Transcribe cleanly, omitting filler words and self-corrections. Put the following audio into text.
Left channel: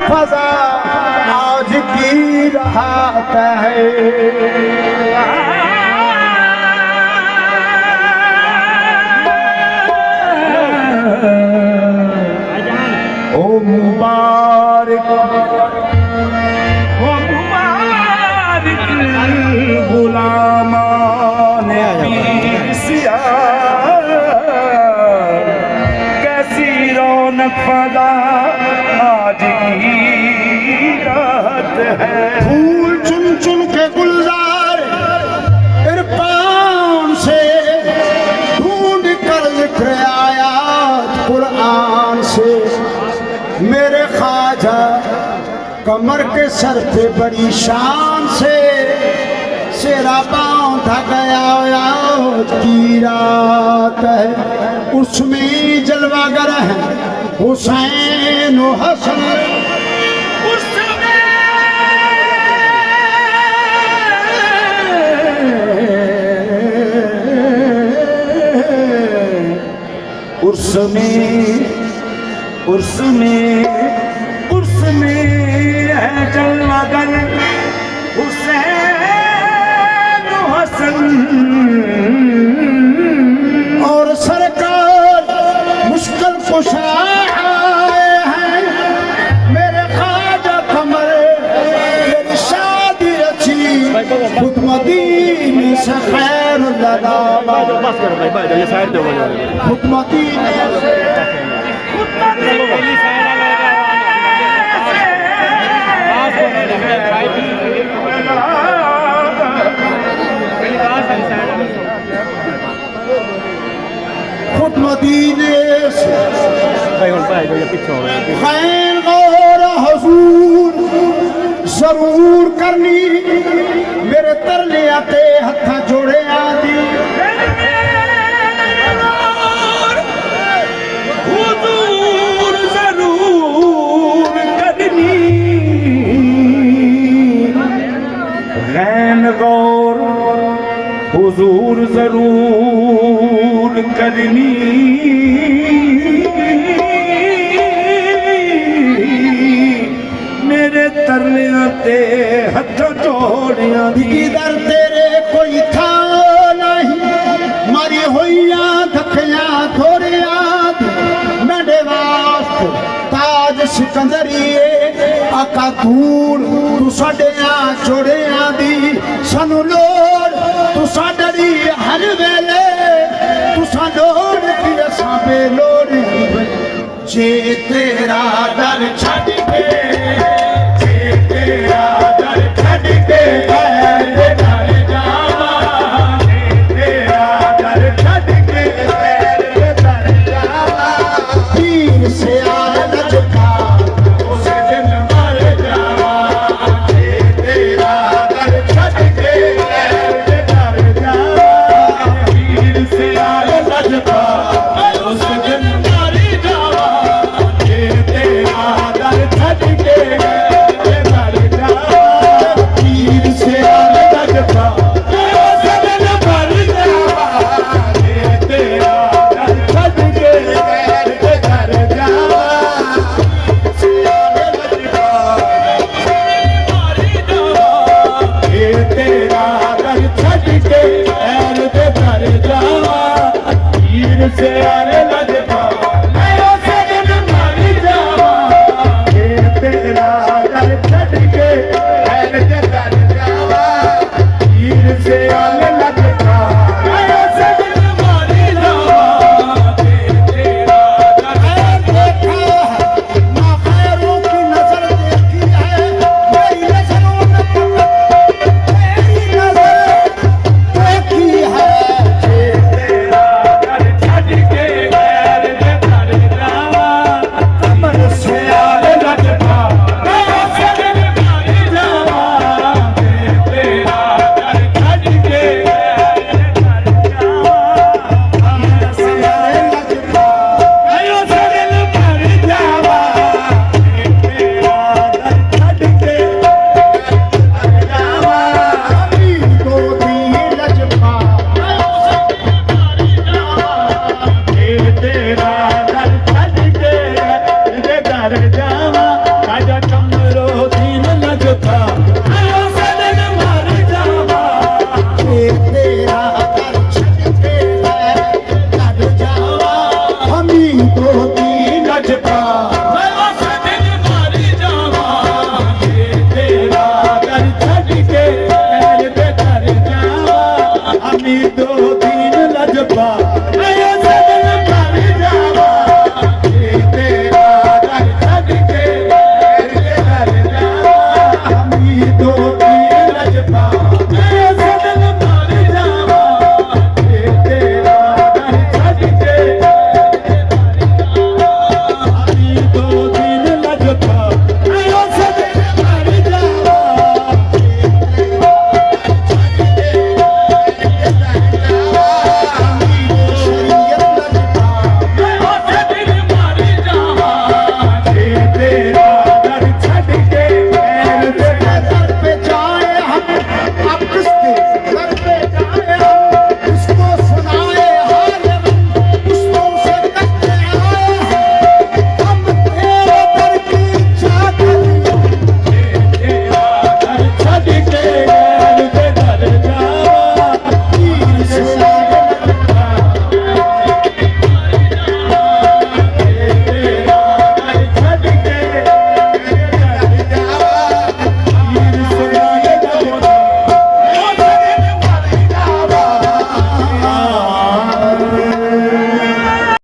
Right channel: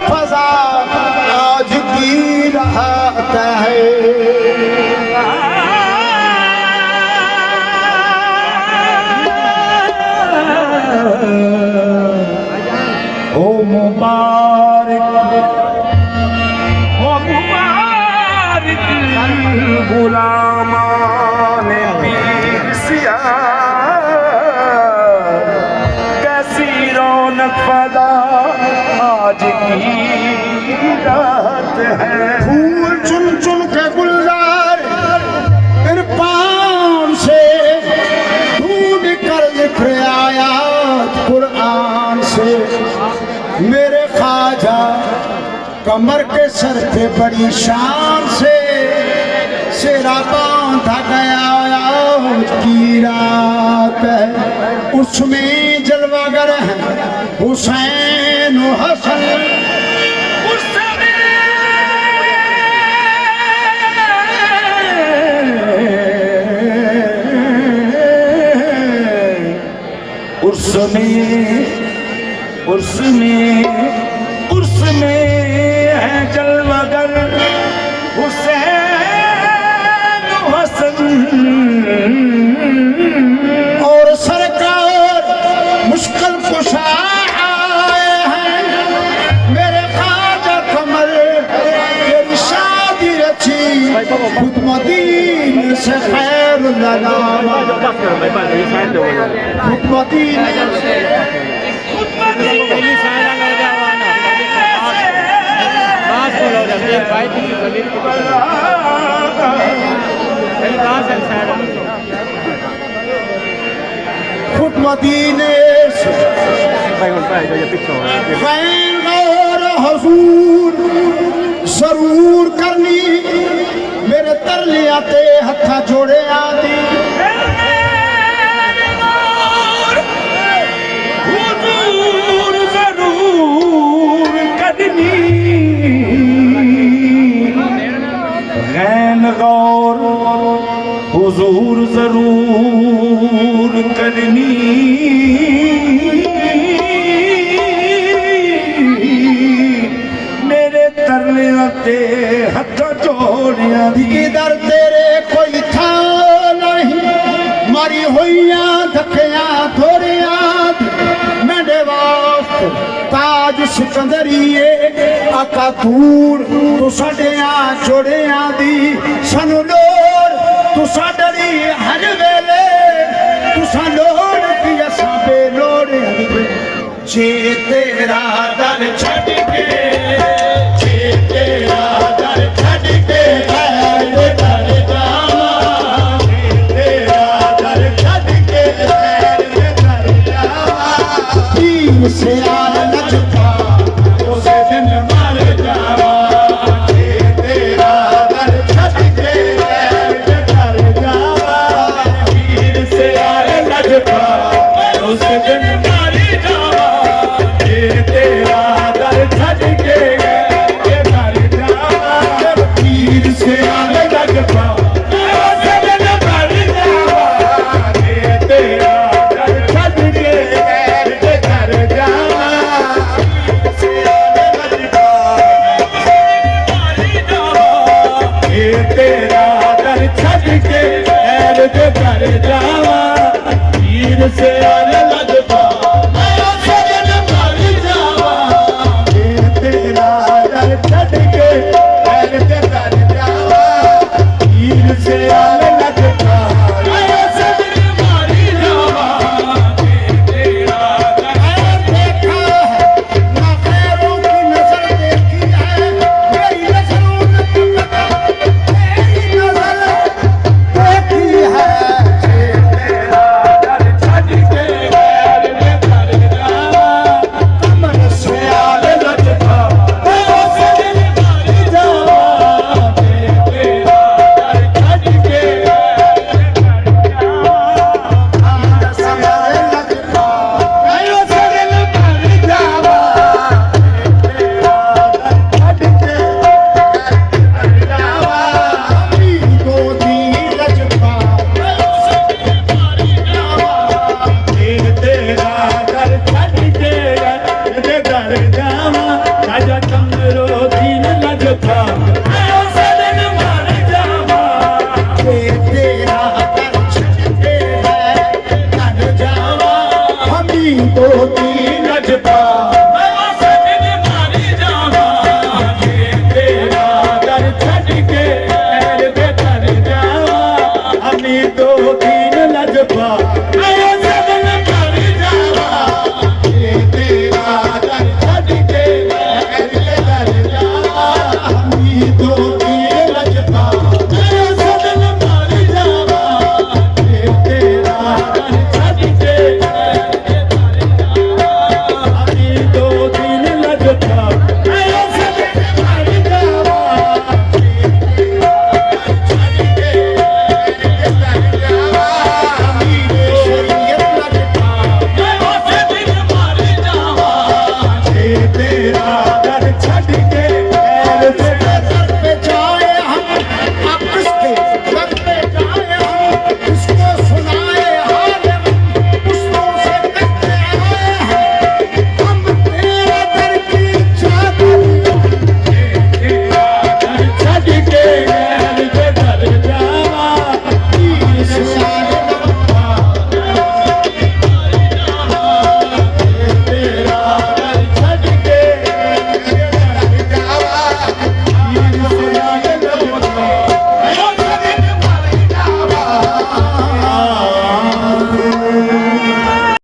फजा आज की रात है। ओ मुबारक गुलामाने सिया कैसी रौनक फदा आज की रात है। फूल चुन चुन के गुलजार इरफान से ढूंढ कर लिख आया कुरान से। मेरे ख्वाजा कमर के सर पे बड़ी शान से सिरा बांधा गया आज की रात है। उसमें जलवागर है हुसैन हसन, उसमें है जलवागर हुसैन हसन। और सरकार मुश्किल कुशा आए हैं मेरे ख्वाजा कमर ये शादी रची खुद मदीने से खैर लगावा। खुद मदीने से खुद मदीने से खैर गौर हुजूर जरूर करनी मेरे तरले आते हथा जोड़े आदि। हुजूर जरूर करनी गैन गौर हुजूर जरूर करनी। मेरे तरले आते हथ जोड़िया इधर तेरे कोई था नहीं मारी हुईया धक्या थोड़े याद मेरे वास्ते ताज सिकंदरिए आका दूर तू साडिया जोड़िया दी सानू लोड़ तू साडरी हर वेले तू सा लोड़ की असां बे लोड़ जे तेरा दर छड़ के जे तेरा दर छड़ के से आल न झुका उस दिन मर जावा। तेरा दर छड़ के घर जावा पीर से आल न झुका उस दिन मर जावा। तेरा दर छड़ के घर जावा पीर से आल न झुका उस दिन मर जावा। तेरा दर छड़ के तेरा दर छड़ के ऐर दे भर जावा पीर से आने लजपा मेरा सजन मर जावा। तेरा